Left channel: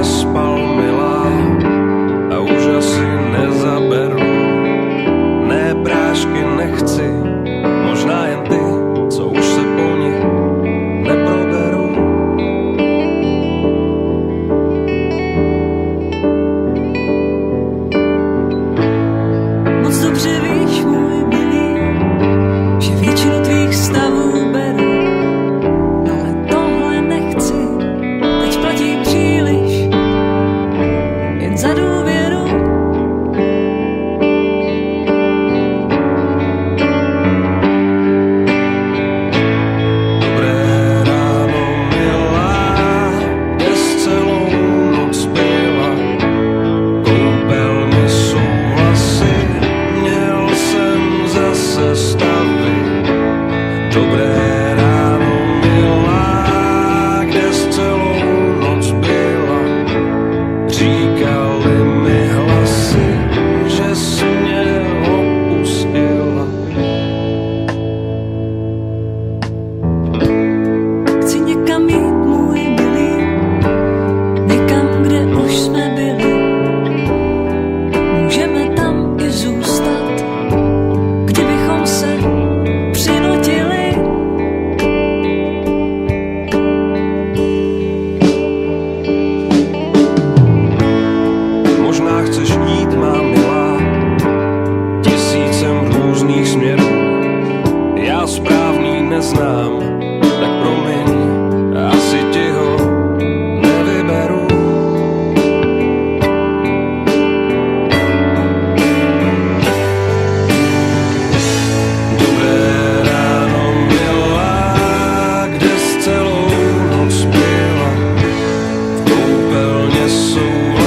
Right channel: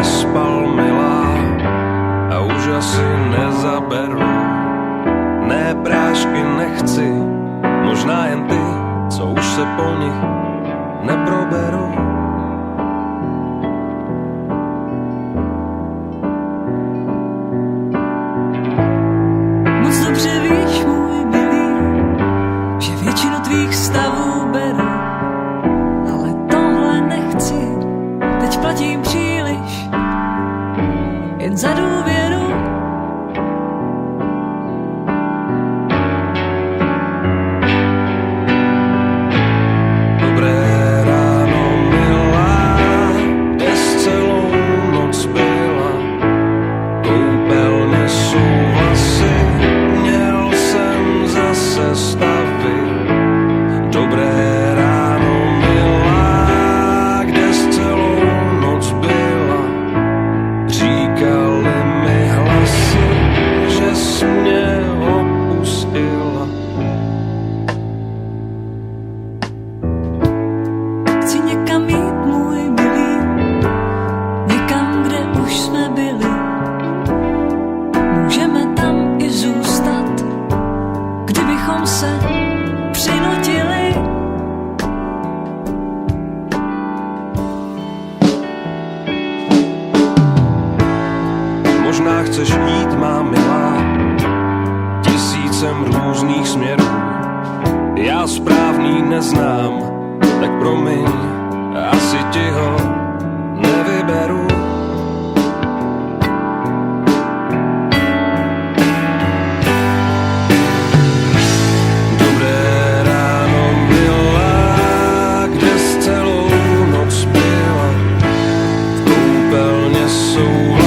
nespal, milá, a už asi nezaberu. Ne, prášky nechci, možná jen ty, co už se po nich neproberu. Moc dobře víš, můj milý, že většinu tvých stavů beru, ale tohle nechci, teď platím příliš, jen za důvěru. Dobré ráno, milá, kde jsi celou noc byla? Koupelně jsou vlasy, měl jsem zase stavy. Dobré ráno, milá, kde jsi celou noc byla? Říkali mi hlasy, že jsi mě opustila. Chci někam jít, můj milý, někam, kde už jsme byli. Můžeme tam i zůstat, kdybychom se přinutili. Možná chceš jít, má milá, tisícem různých směrů. Já správný neznám, tak promiň, asi ti ho nevyberu. Dobré ráno, milá, kde jsi celou noc byla? V koupelně jsou